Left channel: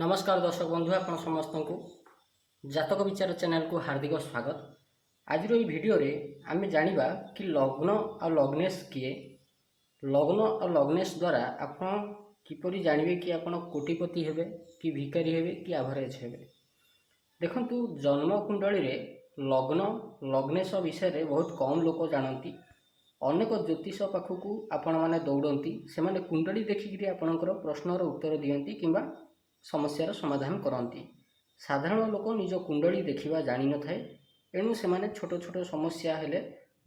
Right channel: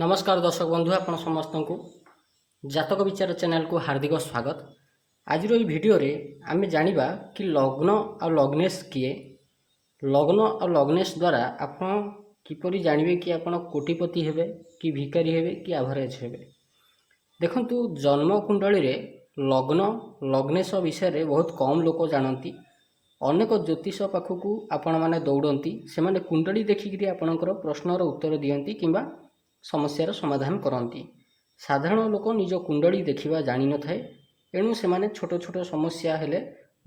नमस्कार दर्शक बंधु आपण समस्त को जातक विचार चैनल को हार्दिक स्वागत। आज भिडियो रे आमे जानिबा कि लग्न और लग्नेश किए। लग्न और लग्नेश द्वारा आपण किपरि जानिबे कि आपण कोटिपति हेबे कि भिकारी हेबे कि एवरेज हेबे। देखंतु जन्म कुंडली रे लग्न लग्नेश विषय रे बहुत कम लोक जानती। अनेक ज्योतिष पाखकू आपण माने दौड़ती से माने कुंडली देखिक आपणकर प्रश्नर उत्तर दियंती किंबा समस्यार समाधान करती। साधारण लोक निज कुंडली देखा जान न थाए एणु से माने छोट छोट समस्या हेले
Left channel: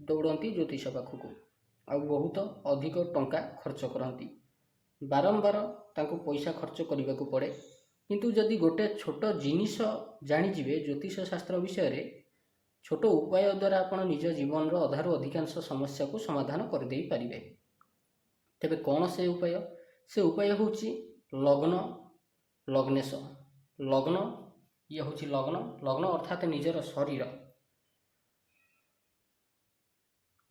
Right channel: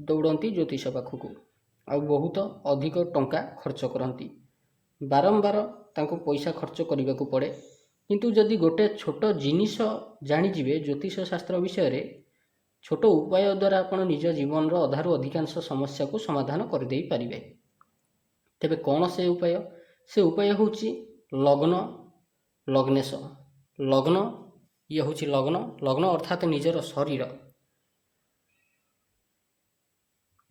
दौड़ती ज्योतिष पाखकू आ बहुत अधिक टंका खर्च करती। बारंबार तांको पैसा खर्च करने को पड़े। किंतु जदि गोटे छोट जिनिस जानिजिवे ज्योतिष शास्त्र विषय रे छोट उपाय द्वारा आपण निज जीवन अधारू अधिकांश समस्या को समाधान कर दे पारिबे। तेबे कौन से उपाय? से उपाय होची लग्न लग्नेश। लग्न ये हूँ लग्न लग्न अर्थात निजर शरीर।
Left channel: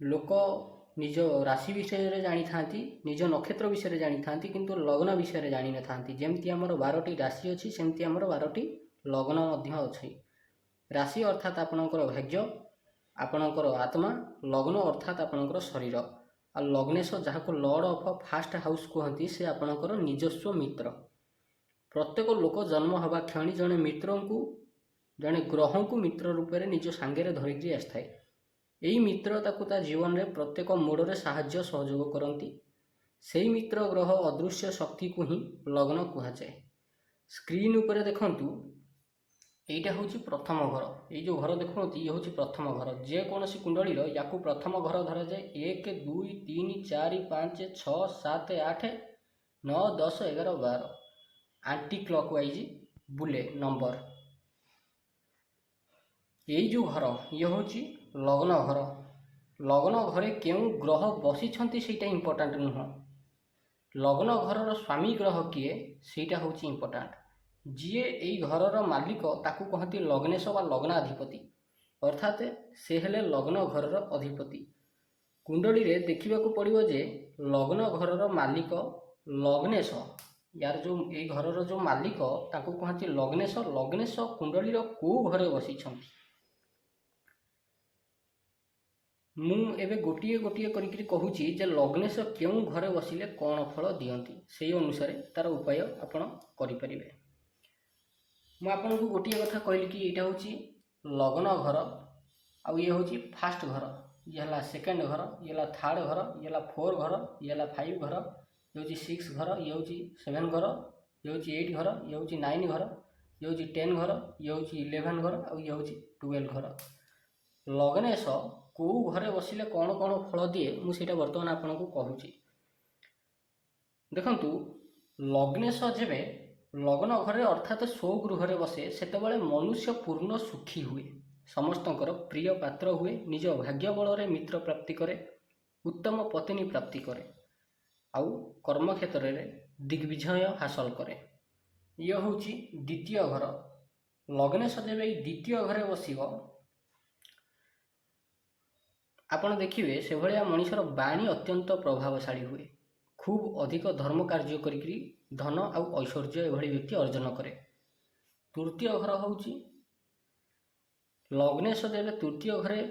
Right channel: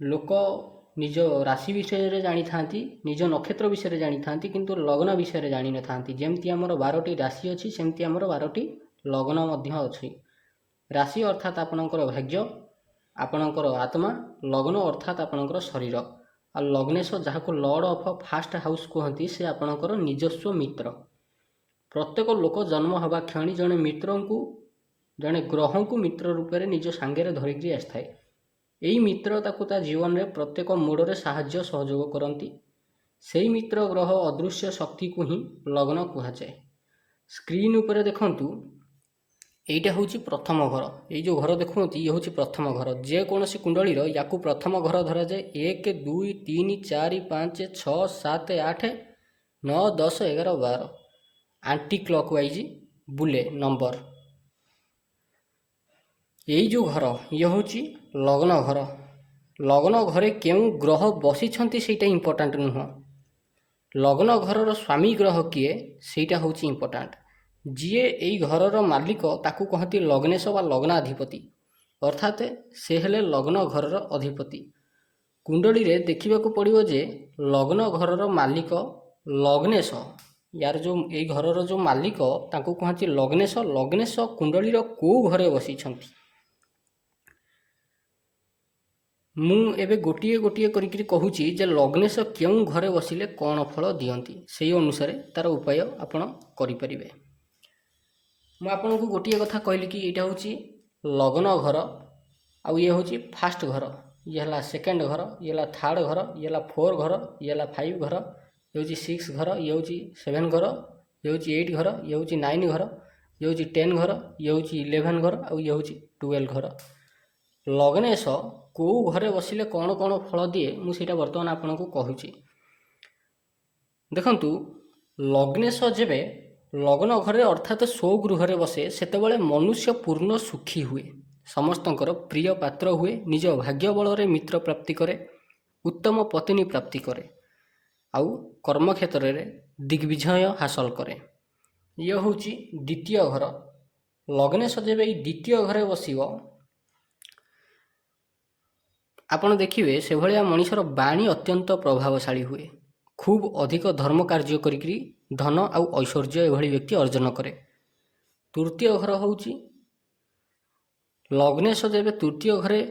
लोक निज राशि विषय जानी था, निज नक्षत्र विषय जानी था, किंतु लग्न विषय जानी न था। जमती आमर 12टी राशि अच्छी सेमती आमर 12टी लग्न अच्छी। राशि अर्थात आपणकर भाग्य, आपणकर आत्मा। लग्न अर्थात आपणकर शरीर। आ लग्नेश जहाँ को लॉर्ड ऑफ फास्ट हाउस कहती से आपणकर निजस्व मित्र। प्रत्येक लोक जन्म हवा क्षणी जड़े मित्र को जड़े ग्रह को मित्र रूप में निज सांगे धरिकी आसए। यही मित्र ता जीवन में प्रत्येक मोड़े साहाय्य सहयोग करती। से मित्र ग्रह अदृश्य शक्ति को ही लग्न कहुए। स्क्रीन उपर देखंतु एटा हूँ प्रथम घर। ये जो घर देखुं ये हूँ प्रथम घर। जेकोसी कुंडली या प्रथम घर धरा जाए। 1 2 3 4 5 6 7 8 9 10 11 12 एंटी क्लॉकवाइज बुले नंबर। यही जो घर ये हूँ लग्न घर। लग्न घरे क्यों ग्रह बसी सेटा इंपोर्टाट नुह। लग्न घर स्वामी ग्रह किए सेटा हूँ इंपोर्टाट। जीए यही घर मालिक ताकू कहती लग्नेश व लग्नाधिपति अर्थात से हेले लग्न घर अधिपति। कुंडली रे देखा पड़ो जे लग्न घर मालिक लग्नेश यार जो यही घर जो मालिक ताकू कहती लग्नेश। लग्नेश कुंडली को घरे बसी मु एबे गोटे गोटे करी कहूची जे लग्नेश क्यों घरे बसिले कौन फल दियंती से अनुसार तार उपाय आपण करें। मु आपन को गोटे कथा कहली कि यहाँ हूँ लग्न घर आउ ये हूँ फास्ट घर, ये है सेकेंड घर, ये है थर्ड घर, ये है 4 घर, ये है 5 घर, ये हूँ 6 घर, ये हूँ 7 घर, ये हूँ 8 घर, ये हूँ 9 घर, ये हूँ 10 घर, ये हूँ 11 घर और ये हूँ 12 घर। लग्नेश को घरे बसिले कौन कौन फल दिए मुझे बर्तमान आपन को कहूची। देखंतु लग्नेश जेबे लग्न घरे अर्थात स्वगृह बसे सेतेबेले मनुष्य पूर्ण सुखी हुए, समस्तंकर प्रिय पात्र हुए, निज भाग्य बल रे मित्र प्राप्ति करे, उत्तम पत्नी प्राप्ति करे आउ कर्म क्षेत्र में दिग्विजय हासिल करे। यह हूँ द्वितीय घर। लग्नेश जेबे द्वितीय घरे बसिबो आपण देखिए से भाया मनीषर बाणी अत्यंत प्रभावशाली हुए। खूब अधिक धर्म कार्य करी धन आउ ऐश्वर्य एभली व्यक्ति अर्जन करे। तृतीय घर हूँ लग्नेश जेबे तृतीय घरे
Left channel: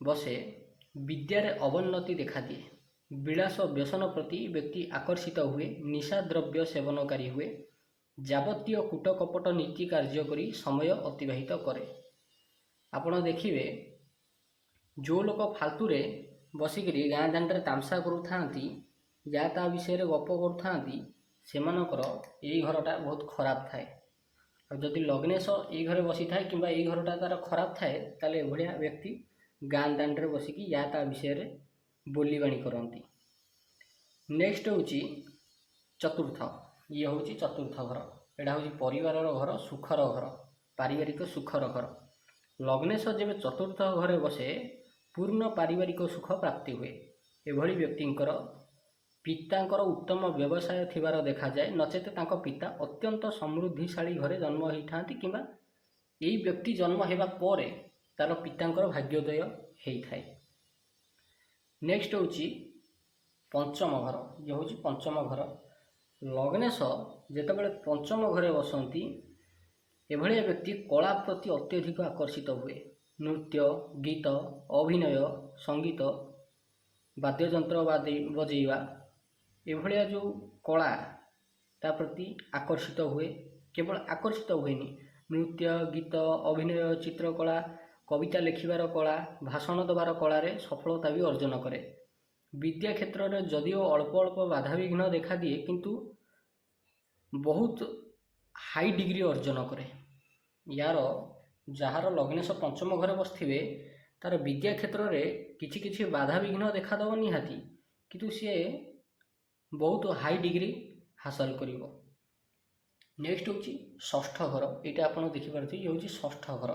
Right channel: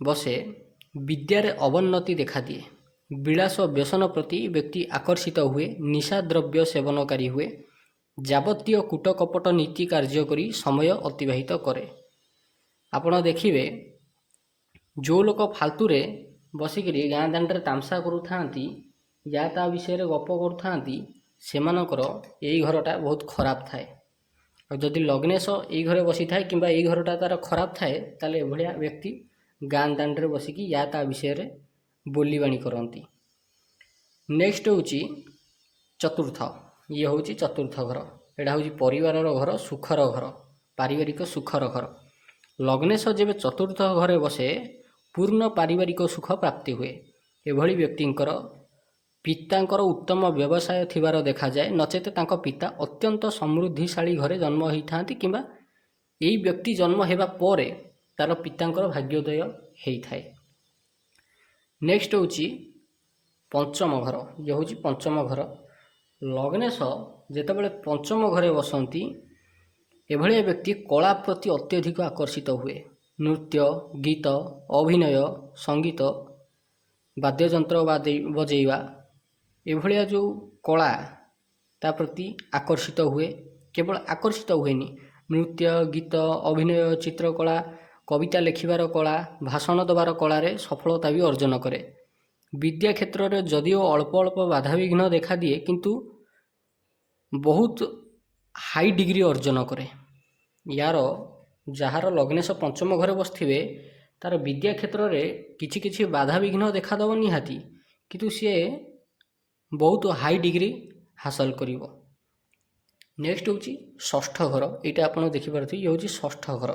बसे विद्यार अवन्नति देखा दिए। विलास व्यसन प्रति व्यक्ति आकर्षित हुए, निशा द्रव्य सेवनकारी हुए, जावतीय कूटकपट नीति कार्य करी समय अतिबाहित करे। आपण देखिए जो लोक फालतू रे बसिक गाँ दांडे तामसा करूथांती या ता विषय रे गप करूथांती सेमानकर यही घरटा बहुत खराब थाए। और जदि लग्नेश यही घरे बसी थाए किंबा यही घरटा तार खराब थाए ताले एभलिया व्यक्ति गाँ दांडे बसिकी या ता विषय रे बोलीबाणी करती। नेक्स्ट हूँ चतुर्थ। ये हूँ चतुर्थ घर। यहाँ हूँ परिवार घर, सुखर घर, पारिवारिक सुखर घर। लग्नेश जेबे चतुर्थ घरे बसे पूर्ण पारिवारिक सुख प्राप्ति हुए। एभली व्यक्तिंकर पितांकर उत्तम व्यवसाय थिबार देखा जाए, नचेत तांको पिता अत्यंत समृद्धिशाली घरे जन्म होता किंबा यही व्यक्ति जन्म हेबा परे तार पितांकर भाग्योदय होता है। नेक्स्ट हूँ पंचम घर। ये हूँ पंचम घर। लग्नेश ଯେତେବେଳେ ପଞ୍ଚମ ଘରେ ବସନ୍ତି ଏଭଳିଆ ବ୍ୟକ୍ତି କଳା ପ୍ରତି ଅତ୍ୟଧିକ ଆକର୍ଷିତ ହୁଏ। ନୃତ୍ୟ, ଗୀତ, ଅଭିନୟ, ସଙ୍ଗୀତ, ବାଦ୍ୟଯନ୍ତ୍ର ବଜେଇବା ଏଭଳିଆ ଯେଉଁ କଳା ତା ପ୍ରତି ଆକର୍ଷିତ ହୁଏ। କେବଳ ଆକର୍ଷିତ ହୁଏନି, ନୃତ୍ୟ, ଗୀତ, ଅଭିନୟ, ଚିତ୍ରକଳା, କବିତା ଲେଖିବାର କଳା, ଭାଷଣ ଦେବାର କଳାରେ ସଫଳତା ବି ଅର୍ଜନ କରେ। ବିଦ୍ୟା କ୍ଷେତ୍ରରେ ଯଦିଓ ଅଳ୍ପ ଅଳ୍ପ ବାଧାବିଘ୍ନ ଦେଖାଦିଏ କିନ୍ତୁ ବହୁତ ହାଇ ଡିଗ୍ରୀ ଅର୍ଜନ କରେ। ଯାହାର ଲଗ୍ନେଶ ପଞ୍ଚମ ଘରେ ବସିଥିବେ ତାର ବିଦ୍ୟା କ୍ଷେତ୍ରରେ କିଛି କିଛି ବାଧାବିଘ୍ନ ଦେଖାଦେବ ନିହାତି, କିନ୍ତୁ ସିଏ ବହୁତ ହାଇ ଡିଗ୍ରୀ ହାସଲ କରିବ। ନେକ୍ସଟ ହେଉଛି ଷଷ୍ଠ ଘର। ଏଇଟା ଆପଣ ଦେଖିପାରୁଥିବେ, ଇଏ ହେଉଛି ଷଷ୍ଠ ଘର।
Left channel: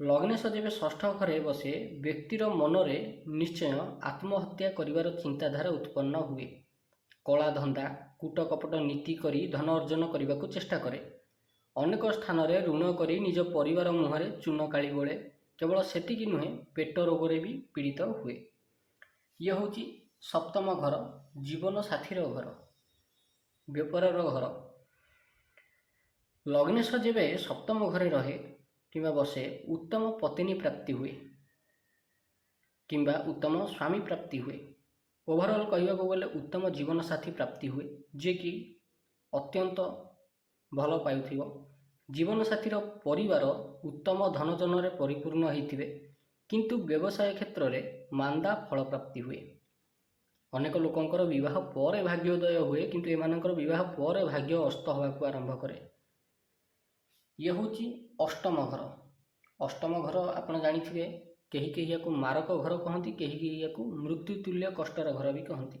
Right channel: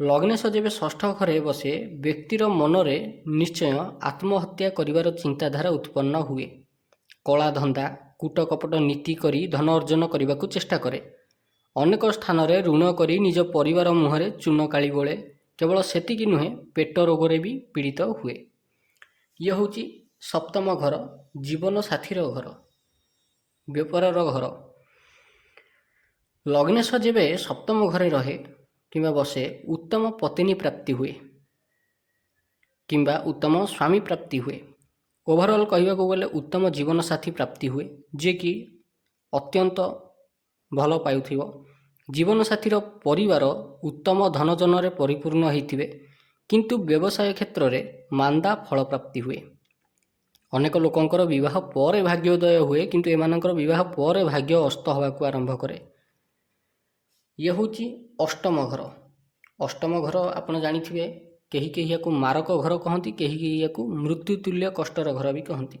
ଲଗ୍ନେଶ ଯେବେ ଷଷ୍ଠ ଘରେ ବସେ ବ୍ୟକ୍ତିର ମନରେ ନିଶ୍ଚୟ ଆତ୍ମହତ୍ୟା କରିବାର ଚିନ୍ତାଧାରା ଉତ୍ପନ୍ନ ହୁଏ। କଳାଧନ୍ଦା, କୂଟକପଟ ନୀତି କରି ଧନ ଅର୍ଜନ କରିବାକୁ ଚେଷ୍ଟା କରେ। ଅନେକ ସ୍ଥାନରେ ଋଣ କରି ନିଜ ପରିବାର ମୁହଁରେ ଚୂନ କାଳି ବୋଳେ। କେବଳ ସେତିକି ନୁହେଁ, ପେଟ ରୋଗରେ ବି ପୀଡ଼ିତ ହୁଏ। ଇଏ ହେଉଛି ସପ୍ତମ ଘର, ଜୀବନ ସାଥୀର ଘର, ବେପାରର ଘର। ଲଗ୍ନେଶ ଯେବେ ସପ୍ତମ ଘରେ ରହେ କିମ୍ବା ବସେ ଉତ୍ତମ ପତ୍ନୀ ପ୍ରାପ୍ତି ହୁଏ କିମ୍ବା ଉତ୍ତମ ସ୍ୱାମୀ ପ୍ରାପ୍ତି ହୁଏ। ଓଭରଅଲ୍ କହିବାକୁ ଗଲେ ଉତ୍ତମ ଜୀବନସାଥୀ ପ୍ରାପ୍ତି ହୁଏ, ଯିଏକି ଅତ୍ୟନ୍ତ ଭଲ ପାଉଥିବ। ଜୀବନସାଥୀର ପରିବାର ଉତ୍ତମ ଧନଜନରେ ପରିପୂର୍ଣ୍ଣ ହୋଇଥିବେ, କିନ୍ତୁ ବ୍ୟବସାୟ କ୍ଷେତ୍ରରେ ମାନ୍ଦା ଫଳପ୍ରାପ୍ତି ହୁଏ। ଅନେକ ଲୋକଙ୍କର ବିବାହ ପରେ ଭାଗ୍ୟୋଦୟ ହୁଏ, କିନ୍ତୁ ଏମାନଙ୍କର ବିବାହ ପରେ ଭାଗ୍ୟ ଅସ୍ତ ହେବାକୁ ଆରମ୍ଭ କରେ। ଇଏ ହେଉଛି ଅଷ୍ଟମ ଘର। ଅଷ୍ଟମ ଘର ଆପଣ ଜାଣିଥିବେ, କେହି କେହି ୟାକୁ ମାରକ ଘର କହନ୍ତି, କେହି କେହି ୟାକୁ ମୃତ୍ୟୁତୁଲ୍ୟ କଷ୍ଟର ଘର ବି କହନ୍ତି,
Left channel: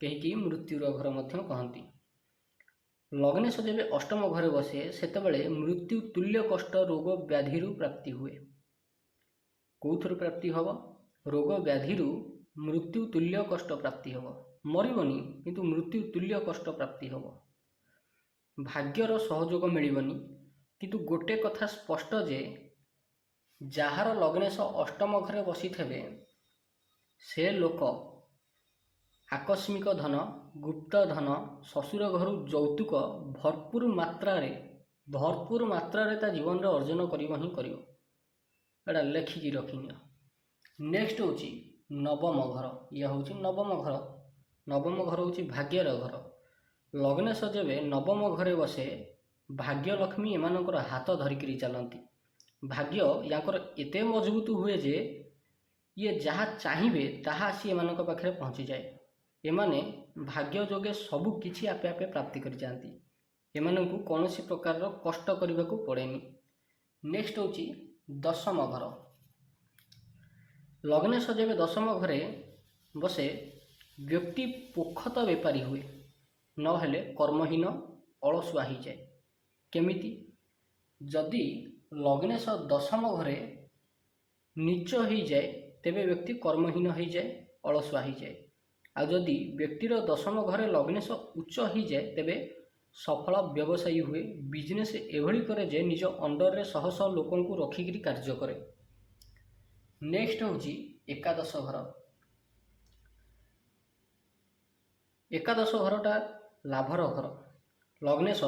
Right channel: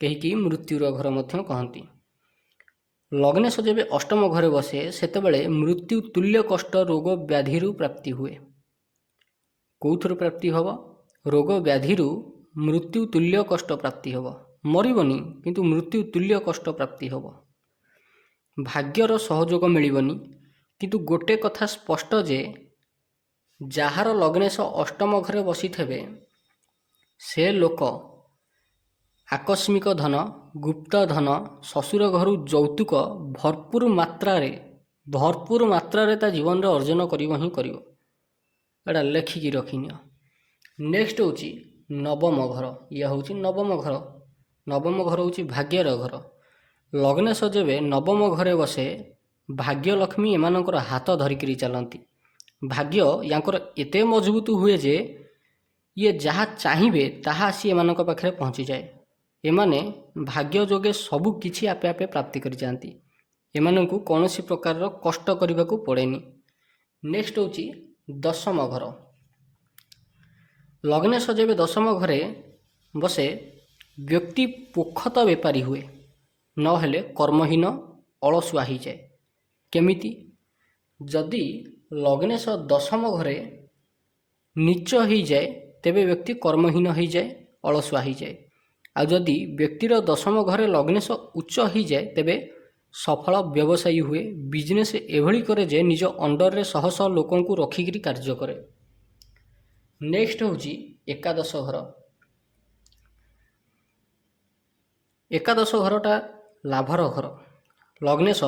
କେହି କେହି ମୃତ୍ୟୁର ଘର ମଧ୍ୟ କହନ୍ତି। ଲଗ୍ନେଶ ଯେବେ ଅଷ୍ଟମ ଘରେ ବସେ ସେତେବେଳେ ମୃତ୍ୟୁ ତୁଲ୍ୟ କଷ୍ଟ ରୋଗ ବ୍ୟାଧିରୁ ପ୍ରାପ୍ତି ହୁଏ। କେଉଁଥିରୁ ପ୍ରାପ୍ତି ହେବ? ରୋଗ ବ୍ୟାଧିରୁ ମୃତ୍ୟୁ ତୁଲ୍ୟ କଷ୍ଟ ପ୍ରାପ୍ତି ହେବ। ମରିବନି, କିନ୍ତୁ ମୃତ୍ୟୁ ତୁଲ୍ୟ କଷ୍ଟ ପ୍ରାପ୍ତି ହେବ। ଭାଗ୍ୟର ସହଯୋଗ ମିଳିବନି, କିନ୍ତୁ ଗୋଟେ କଥା ସ୍ପଷ୍ଟ ଯେ ଯାହାର ଲଗ୍ନେଶ ଅଷ୍ଟମ ଘରେ ବସିଥିବେ ସେ ଲୋକ ଆକସ୍ମିକ ଧନ, ଗୁପ୍ତ ଧନ, ଶ୍ୱଶୁର ଘରୁ ଯୌତୁକ ଭରପୁର ମାତ୍ରାରେ ତା ଜୀବନରେ ଅର୍ଜନ କରିବ ହିଁ କରିବ। ଏଇଟା ଲେଖିକି ରଖିନିଅ। ନେକ୍ସଟ ହେଉଛି ନବମ ଘର। ଇଏ ହେଉଛି ନବମ ଘର। ନବମ ଘର ହେଉଛି ଭାଗ୍ୟର ଘର। ଲଗ୍ନେଶ ଯେବେ ନବମ ଘରେ ବସେ ଭାଗ୍ୟଲକ୍ଷ୍ମୀ ଏମାନଙ୍କର ହାତ ଧରିକିରି ଚାଲନ୍ତି। ଭାଗ୍ୟ ୟାଙ୍କର ଏତେ ମଜବୁତ ହୁଏ ଯେ ଇଏ ଯାହା ଚାହିଁବେ ତାହା ଆସି ଏମାନଙ୍କ ପାଖରେ ପହଞ୍ଚିଯାଏ। ଏମାନେ ଭାଗ୍ୟ ଯୋଗେ ସବୁ କିଛି ଆପେ ଆପେ ପ୍ରାପ୍ତି କରିଯାଆନ୍ତି। ଏମାନଙ୍କୁ କୌଣସି ପ୍ରକାରର କଷ୍ଟ କରିବାକୁ ପଡ଼େନି। ନେକ୍ସଟ ହେଉଛି ଦଶମ ଘର। ଲଗ୍ନେଶ ଯେବେ ଦଶମ ଘରେ ବସେ ବ୍ୟକ୍ତି ପୋଖତ ବେପାରୀ ହୁଏ, ନହେଲେ କର୍ମହୀନ ଅଳସୁଆ ହୋଇଯାଏ। କେମିତି? ଯଦି ଲଗ୍ନେଶ ଦଶମ ଘରେ ନୀଚ ହୋଇଯାଏ ତେବେ ବ୍ୟକ୍ତି କର୍ମହୀନ ହୋଇଯାଏ, ଅଳସୁଆ ହୋଇଯାଏ। ଆଉ ଯଦି ବ୍ୟକ୍ତିର ଦଶମ ଘରେ ଲଗ୍ନେଶ ଉଚ୍ଚ ହୋଇଯାଏ ତେବେ ସଫଳ ବ୍ୟବସାୟୀ ହୁଏ। ବିଜନେସ୍ ଏଭଳି କରେ ଯେ ନିଜ ଅଣ୍ଡରରେ ଶହ ଶହ ଲୋକଙ୍କୁ ରଖିକିରି କାର୍ଯ୍ୟ କରେ। ନେକ୍ସଟ ହେଉଛି ଏକାଦଶ ଘର। ଏକାଦଶ ଘରଟା ଲାଭର ଘର। ଲଗ୍ନେଶ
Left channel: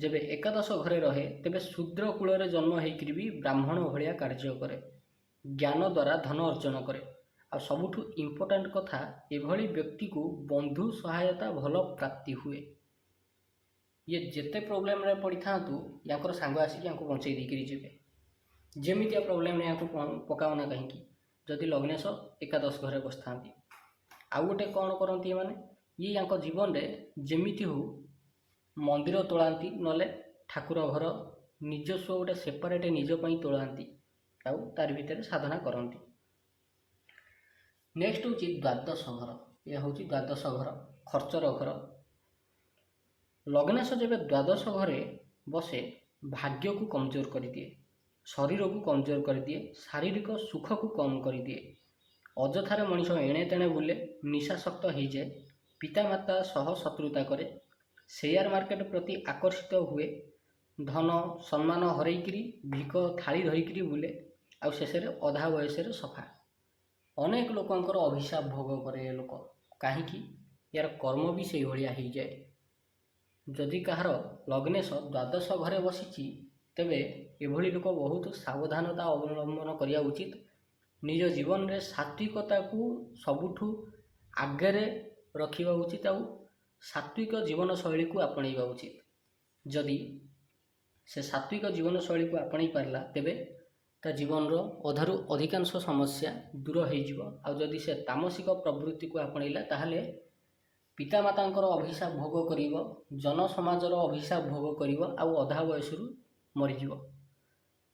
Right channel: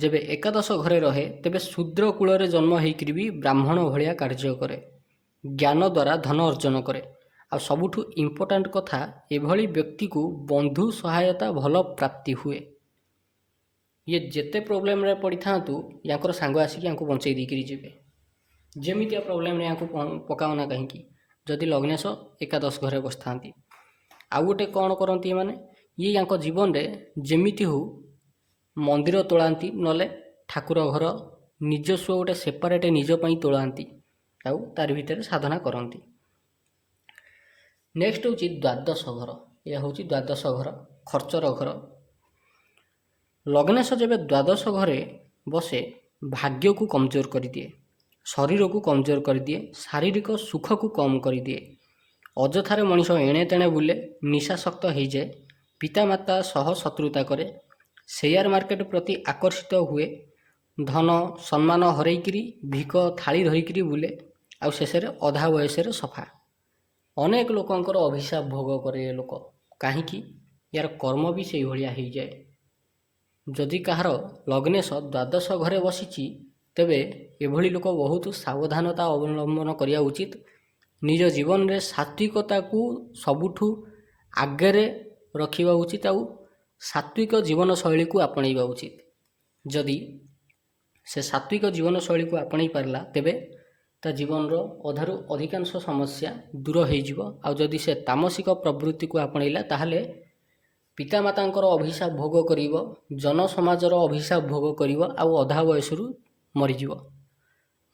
ଯେବେ ଏକାଦଶ ଘରେ ରହେ ତେବେ ଶୂଦ୍ର କୂଳରେ ଜନ୍ମ ହେଇକରି ବି ବ୍ରାହ୍ମଣ ଭଳିଆ କାର୍ଯ୍ୟ କରେ, ଜ୍ଞାନ ଦ୍ୱାରା ଧନ ଅର୍ଜନ କରେ। ଆଉ ସବୁଠୁ ଇମ୍ପୋର୍ଟାଣ୍ଟ କଥା, ଏଭଳି ବ୍ୟକ୍ତିକୁ ବନ୍ଧୁ ସହାୟତା ଭଲ ପ୍ରାପ୍ତି ହୁଏ। ଇଏ ଯେତେ ପ୍ରୋବ୍ଲେମରେ ପଡ଼ିଥାନ୍ତୁ ୟାଙ୍କର ସାଙ୍ଗ ଆସିକି ୟାଙ୍କୁ ବଞ୍ଚେଇ ଦେଇକରି ଯିବେ। ଯେମିତିଆ ପ୍ରୋବ୍ଲେମରେ ୟାଙ୍କୁ ପକାଅ ନା କାହିଁକି, ଯଦି ଲଗ୍ନେଶ ଏକାଦଶ ଘରେ ବସିଥାନ୍ତି। ଆଉ ଗୋଟେ କ'ଣ କରନ୍ତି ଏମାନେ, ଇଏ ୟାଙ୍କ ଜୀବନରେ ଯେମିତି ହଉ ମନ୍ଦିର ତୋଳାନ୍ତି, ନହେଲେ ଠାକୁର ଘର ନିଜସ୍ୱ ଗୋଟେ ସେପାରେଟ୍ ନିଜ ପାଇଁ ତୋଳାନ୍ତି, ଆଉ ତାରି ଭିତରେ ସାଧନା କରନ୍ତି। ନେକ୍ସଟ ହେଉଛି ଦ୍ୱାଦଶ ଘର। ଏହା ହେଉଛି ଦ୍ୱାଦଶ ଘର, ଖର୍ଚ୍ଚର ଘର। ଲଗ୍ନେଶ ଯେବେ ଦ୍ୱାଦଶ ଘରେ ବସେ ଭାଗ୍ୟକୁ କମଜୋର କରିଦିଏ, ଶରୀରକୁ କମଜୋର କରିଦିଏ, ଶାରୀରିକ ସୁଖକୁ କମ୍ କରିଦିଏ। ଅଯଥାରେ ମଣିଷ ଏଣେ ତେଣେ ବୁଲେ, ନିଶାସକ୍ତ ହୋଇଯାଏ, ପିତାମାତା ସହ ଶତ୍ରୁତା କରେ, ସେୟାର ମାର୍କେଟ ପ୍ରତି ଆକର୍ଷିତ ହୁଏ, ଧନ ସମ୍ମାନ ହରେଇକିରି ଭିକ ଥାଳି ଧରିକିରି ବୁଲେ, ଆଉ ଶେଷରେ ଅଧା ବୟସରେ ସଫା। ଅନେକ ଲୋକଙ୍କର ଅଭିଶାପ ଭୋଗ କରେ ଏ ଲୋକ। କାହିଁକି? ୟାର କର୍ମ ବି ସେଇଭଳିଆ ହେଇଯାଏ। ଯଦି କାହାର ଲଗ୍ନେଶ ଦ୍ୱାଦଶ ଘରେ ବସିଛି ତେବେ ଏଭଳି ଲୋକ ବହୁତ ସାବଧାନତା ଅବଲମ୍ବନ କରିବା ଉଚିତ। ନିଜ ଜୀବନରେ ସାତ୍ଵିକତାକୁ ସବୁଠୁ ଆଗରେ ରଖିବା ଉଚିତ ଆଉ ସାତ୍ଵିକ ଜୀବନଶୈଳୀକୁ ଆପଣେଇବା ଉଚିତ। ଯଦି ସେ ସାତ୍ଵିକ ଜୀବନଶୈଳୀକୁ ଆପଣେଇ ପାରିଲା ତେବେ ତା ଜୀବନର ଅଧାରୁ ଅଧିକାଂଶ ସମସ୍ୟା ଦୂର ହୋଇଯିବ। ଆଉ ଯଦି ସେ ତାମସିକ ପ୍ରବୃତ୍ତିକୁ ଆପଣେଇଲା ତାହେଲେ ପିତାମାତାଙ୍କର ଅଭିଶାପ ଭୋଗ କରିବ, ଜନସମାଜର ଅଭିଶାପ ଭୋଗ କରିବ ଆଉ ଅଧା ବୟସରୁ ମରିଯିବ।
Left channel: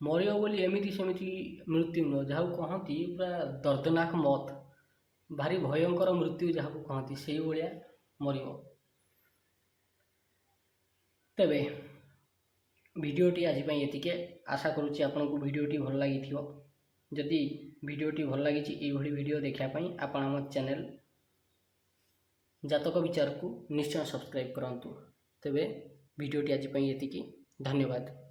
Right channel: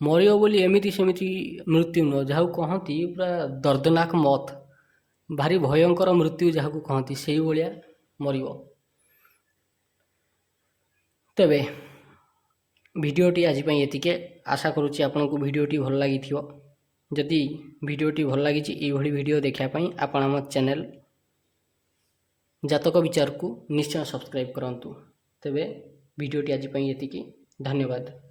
ମରିବ ବୋଲି ଏମିତି ସେମିତି ମୃତ୍ୟୁ ନୁହଁ, ଯାହାକୁ କହନ୍ତି ପୁରା ଦର୍ଦନାକ ମତ, ଭାରି ଭୟଙ୍କର ମୃତ୍ୟୁ ଯାହାକୁ କହନ୍ତି ସେଇଭଳିଆ ମରିବ। ତେବେ ଭିଡ଼ିଓଟି ଆଜି ପାଇଁ ଏତିକି। ଆଶା କରୁଛି ଆପଣଙ୍କୁ ଭିଡ଼ିଓଟି ଭଲ ଲାଗିଥିବ। ଯଦି ଭିଡ଼ିଓଟି ଭଲ ଲାଗିଛି ଏଇଭଳି ଭିଡ଼ିଓ ଦେଖିବା ପାଇଁ ଆପଣ ଆମ ଚ୍ୟାନେଲ ଜାତକ ବିଚାରକୁ ନିଶ୍ଚୟ ସବସ୍କ୍ରାଇବ୍ କରନ୍ତୁ। ତେବେ ଭିଡ଼ିଓଟି ଆଜି ପାଇଁ ଏତିକି। ଧନ୍ୟବାଦ।